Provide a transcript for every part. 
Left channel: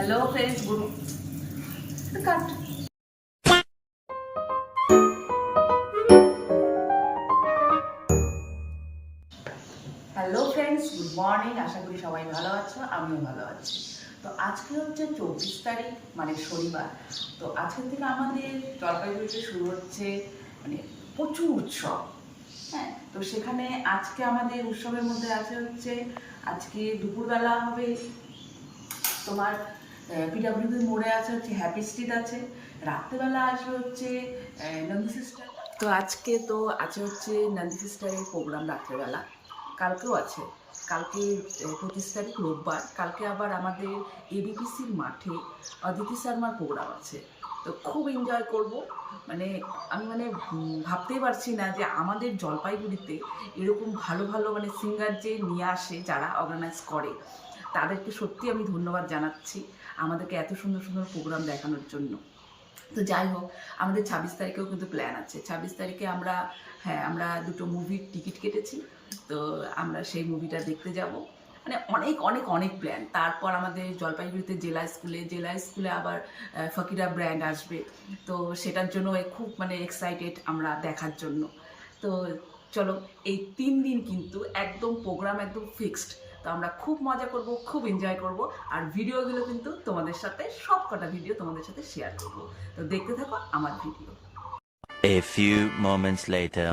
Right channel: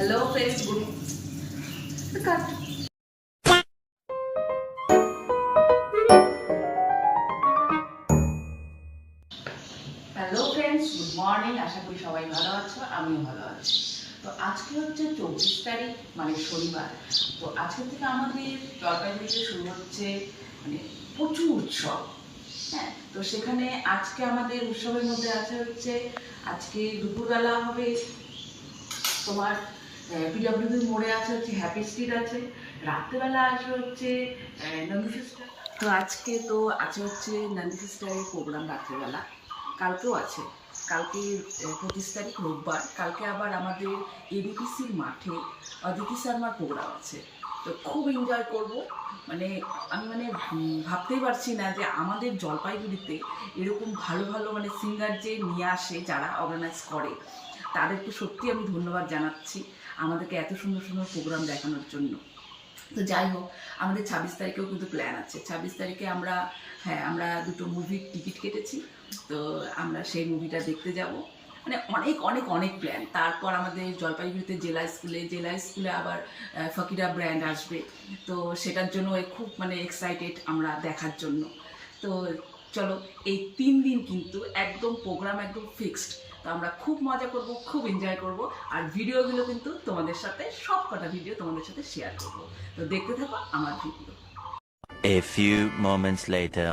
Hello friends good cut hello friends good morning आशा करी सबाई भालो आछो आमिও ভালো আছি। তো আজকে হচ্ছে 24 তারিখ মানে শনিবার। তো আজকে থেকে আমাদের জলপাইগুড়িতে শুরু হচ্ছে মানে প্রচুর উৎসব। হ্যাঁ, তো সেখানে আজকে আমাদের উৎসবের মধ্যে আছে হচ্ছে আজকে দুপুরবেলা হবে তোমার পিডব্লিউডি মোড়ে আছে হচ্ছে হ্যাপি স্ট্রিট আছে, রাত্রেবেলা আসবে হচ্ছে নন্দী সিস্টার। তো আজকে তো আছে হচ্ছে নন্দী সিস্টারের প্রোগ্রাম রাত্রেবেলা, কালকেও আছে, কালকে 25 তারিখ রোববার, কালকে আবার আমাদের এবিপিসির মাঠে অদিতি শর্মার প্রোগ্রাম আছে। তো খুব এনজয় করব, মানে আমি ভাবতেই পারছি না যে আমাদের জলপাইগুড়িতে এরকম ভালো ভালো মানে সিঙ্গার যে নিয়ে আসে, যারা অর্গানাইজ করে তাদেরকে সত্যি আমি ধন্যবাদ জানাচ্ছি আমাদেরকে এত সুন্দর সুন্দর প্রোগ্রাম দেখানোর জন্য। তো যাই হোক, আমাদের 26 তারিখেও কিন্তু প্ল্যান আছে। 26 তারিখে আমরা দুটো মুভির টিকিট কেটেছি, তো আমরা সেই মুভিটা দেখতে যাব। মানে অনেক অনেক অনেক প্ল্যান। তারপর আমাদের জলপাইগুড়িতে জেলা স্কুলে আবার ফকিরা ব্র্যান্ড আসবে, তো সেটার জন্য খুব এক্সাইটেড আমরা দেখার জন্য। তো চলো, এই 3 দিন কিন্তু একদম প্রোগ্রাম একদম ফিক্সড। তো আমরা খুব মজা করব, খুব এনজয় করব, আর ভিডিওগুলো কিন্তু তোমাদের সাথে সব কটা ভিডিও তোমাদের সাথে শেয়ার করব। তো দেখতে থাকো আমার video. A few moments later.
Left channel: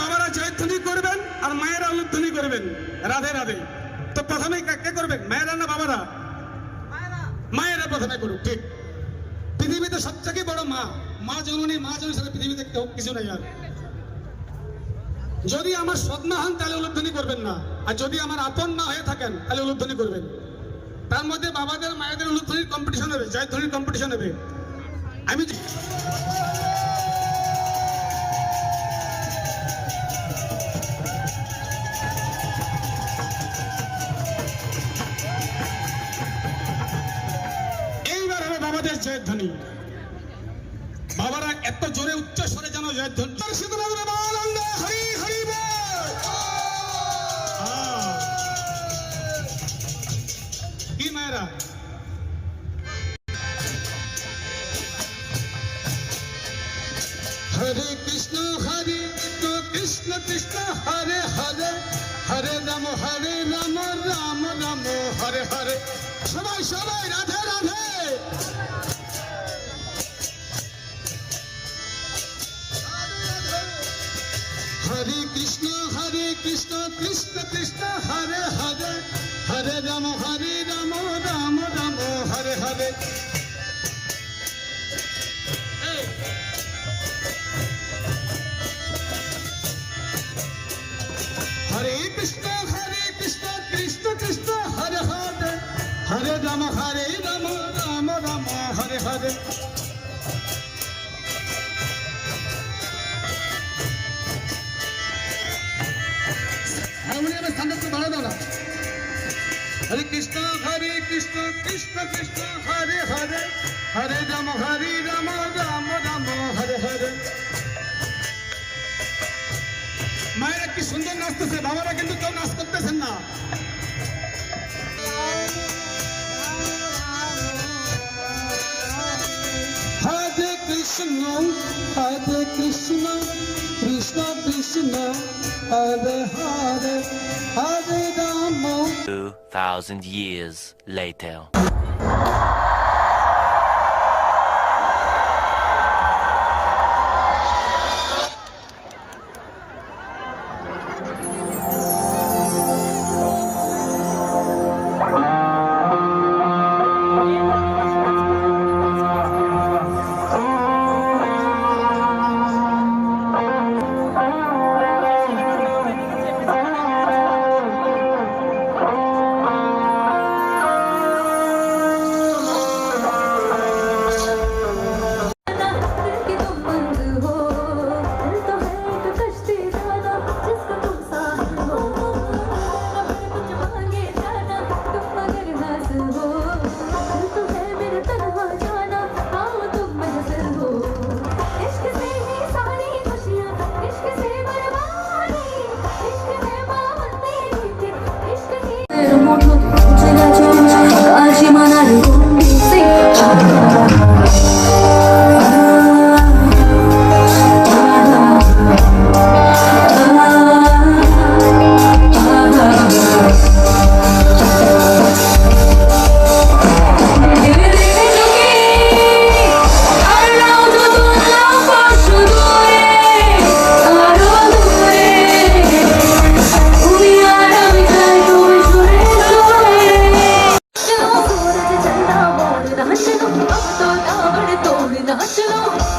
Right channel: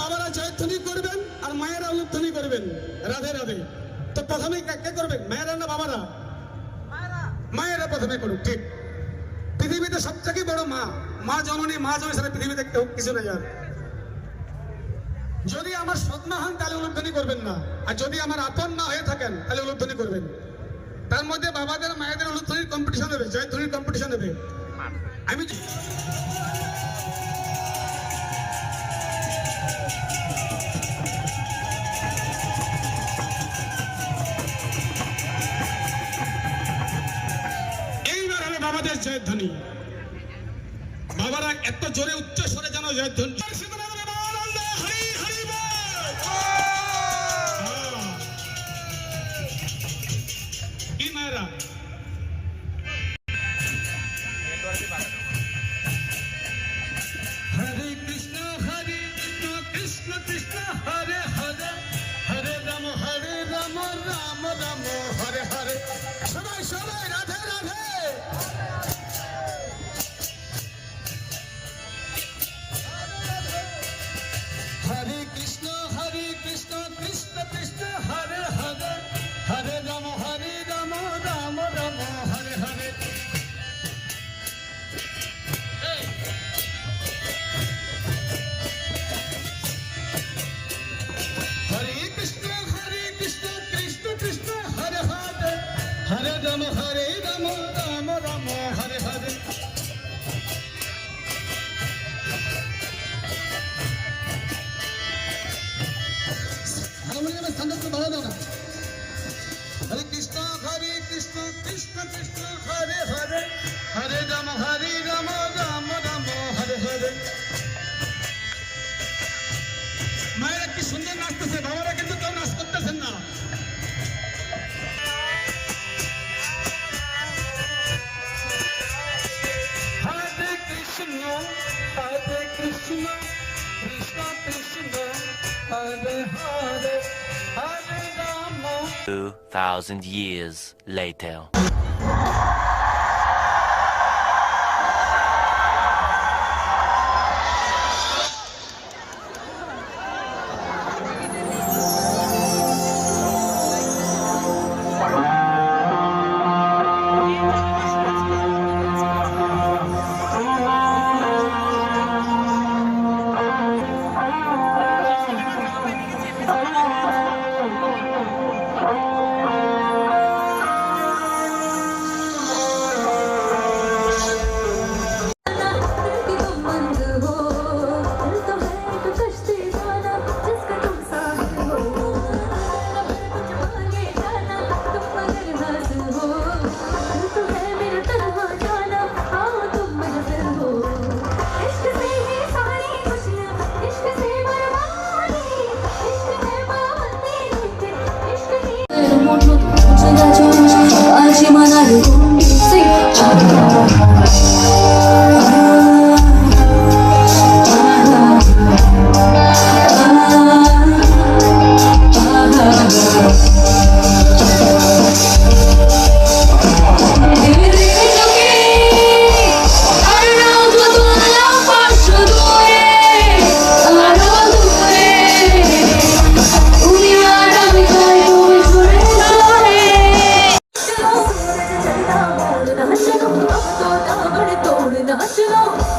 বাবারা জয়ধ্বনি করবেন আর মায়েরা উলুধ্বনি করবেন, রাধে রাধে। তো প্রথমে কে করবেন, মায়েরা না বাবারা? মায়েরা প্রথমে করুক। ঠিক, পৃথিবীতে সবথেকে বড় মা জননী সারা পৃথিবীতে কেউ কিছু নাই। আর যদি আমার সৎমা হন তাহলে উলুধ্বনি করবেন না, আর যদি আমার আপন না হয়ে থাকেন তাহলে উলুধ্বনি করবেন। তার মধ্যে বাবাদের মায়েদের উলুধ্বনির কম্পিটিশন হবে, জয়ধ্বনির কম্পিটিশন হবে। বাবাদের জয়ধ্বনি। বাবারা এত জোরে উচ্চ স্বরে যেন জয়ধ্বনি। হরি হরি বল। কি মায়েরা, হরে কৃষ্ণ কৃষ্ণ কৃষ্ণ হরে হরে, হরে রাম রাম রাম হরে হরে। সবাই সবাই রাধে রাধে। হরে কৃষ্ণ কৃষ্ণ কৃষ্ণ হরে হরে, হরে রাম রাম রাম হরে হরে। হরে কৃষ্ণ কৃষ্ণ কৃষ্ণ হরে হরে, হরে রাম রাম রাম হরে হরে। হারমোনিয়ামের স্থানটা একটু বাড়া দাও না। হরে কৃষ্ণ কৃষ্ণ কৃষ্ণ হরে হরে, হরে রাম রাম রাম হরে হরে। মায়েরা কি সুন্দর নাচতেছে, বাবারা কিন্তু কেউ নাচ করতেছেন না। হরে কৃষ্ণ কৃষ্ণ কৃষ্ণ হরে হরে, হরে রাম। 2,000 years later. नाचो